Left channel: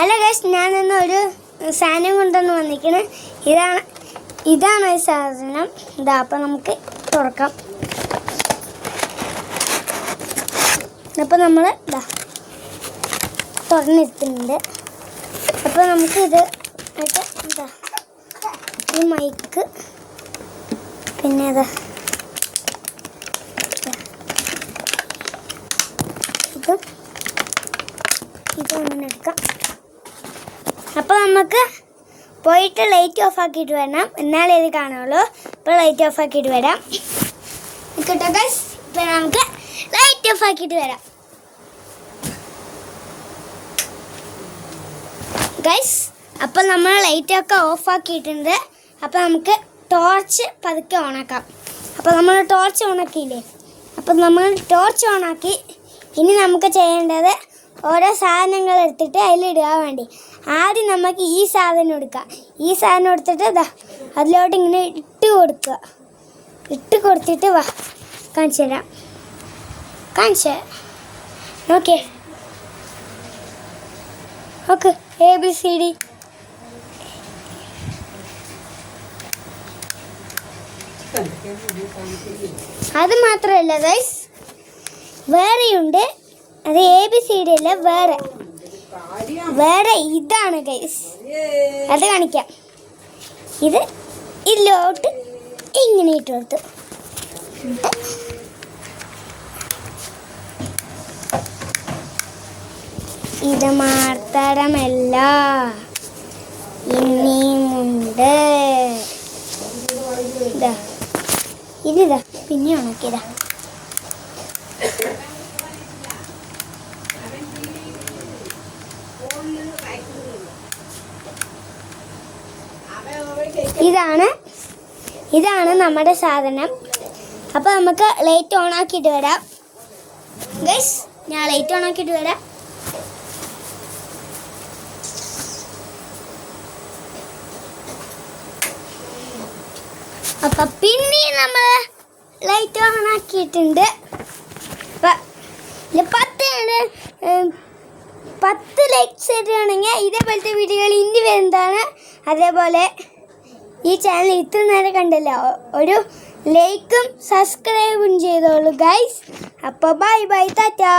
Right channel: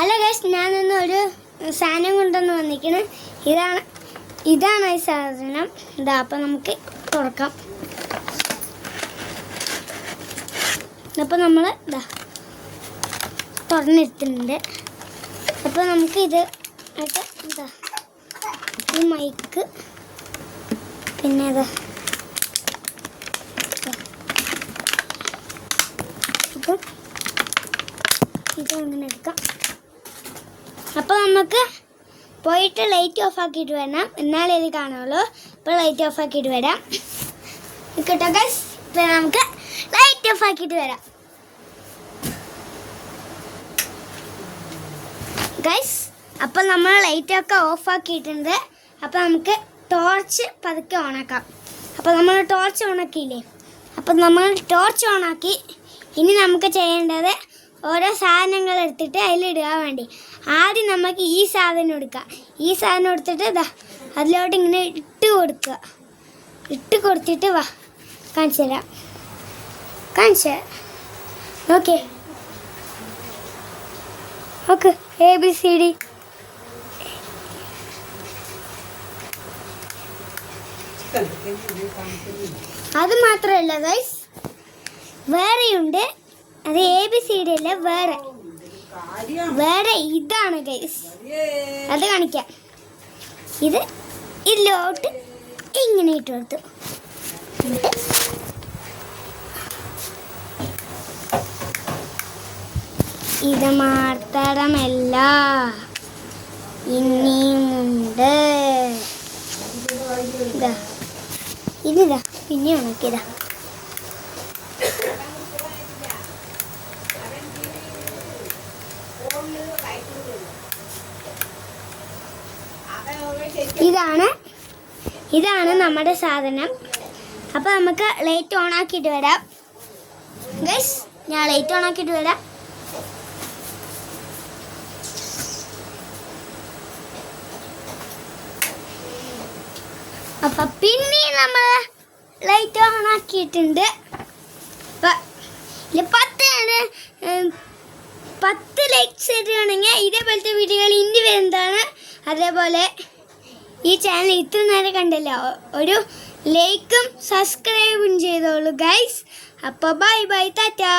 Hello guys, ഞാനിന്ന് ഒരു സാധനം കൊണ്ടുവന്ന് വന്നിരിക്കുന്നത്. ഇതാണ് ഈ സാധനം. ഇതാ, അപ്പം നമുക്ക് തുറക്കാം. അപ്പം നമ്മൾ ഇതാ തുറന്നെടുത്തിട്ടുണ്ട്. അപ്പോൾ നമുക്ക് ഇത് ആയിട്ട് ഇതാ ഈ മൈക്ക്, പിന്നെ ഇതാ ഇത് അങ്ങനെ എടുക്കാം. അപ്പോൾ നമുക്ക് പോയിട്ട് ലൈറ്റ് ഓഫ് ആക്കിയിട്ട് വരണം, എന്നാലേ ഇത് കാണുള്ളൂ. അപ്പോൾ ലൈറ്റ് ഓഫ് ആക്കിയിട്ട് വരാം കേട്ടോ ഗൈസ്. ഇപ്പോൾ നമുക്ക് ലൈറ്റ് ഓഫ് ആക്കിയിട്ട് വരാം ഗൈസ്. അപ്പോൾ നമ്മൾ ലൈറ്റൊക്കെ ഓഫ് ആക്കിയിട്ടുണ്ട്. അപ്പോൾ നമുക്ക് ടോർച്ച് പതുക്കെ ഓണാക്കാം. അപ്പോൾ നമ്മൾ ടോർച്ച് ഓണാക്കിയില്ലേ, അപ്പോൾ നമ്മൾ ടോർച്ച് ഓണാക്കി. ഇനി നമുക്ക് ചെയ്യേണ്ടത് ഓരോ സാധനങ്ങൾ എടുത്തിട്ട് അതിലിടുക വേണ്ടി. ആദ്യം നമുക്ക് ഈ സാധനം എടുക്കാം. ഈ സാധനം എടുത്തിട്ട് ഇതാ അതിലോട്ട് ഇങ്ങനെ ഇട്ട് കൊടുക്കുക. ഇട്ട് കൊടുത്തിട്ട് വാ കാണിച്ചു തരാം. Okay okay ABCD. അത് മാത്രമല്ല ഗൈസ്, വേറെയുണ്ട്. അത് ABCD അല്ല, വേറെ ഇതാണ് ഗൈസ്. അത് കാണിക്കാം. ഇതിലോട്ട് ഇങ്ങനെ ഇട്ട് കൊടുത്തു. ഇത് മാത്രമല്ല, ഇനിയുമുണ്ട്. ഇതാ പിന്നെ ഉണക്കിയതാ. ഇതാണ് നമ്മുടെ സാധനം. അപ്പോൾ നമുക്ക് ലൈറ്റ് ഓൺ ആക്കിയിട്ട് വരാം ഗൈസ്. ഞാൻ ലൈറ്റ് ഓൺ ആക്കിയിട്ട് വരാം. അപ്പം പിന്നെ നമ്മൾ ലൈറ്റ് ഓൺ ആക്കിയിട്ടുണ്ട്. 10 ലൈക്സ് ഇടുകയാണെങ്കിൽ ഇതേപോലത്തെ വീഡിയോകൾ ഇനി വരുന്നതാണ്. അതേപോലെ ഈ ചാനൽ ഇത്ര നേരം കണ്ടല്ലോ, ഒരു ലൈക്കും സബ്സ്ക്രൈബും ചെയ്തോളൂ ഗൈസ്. അപ്പോൾ ബൈ ബൈ, ടാറ്റാ.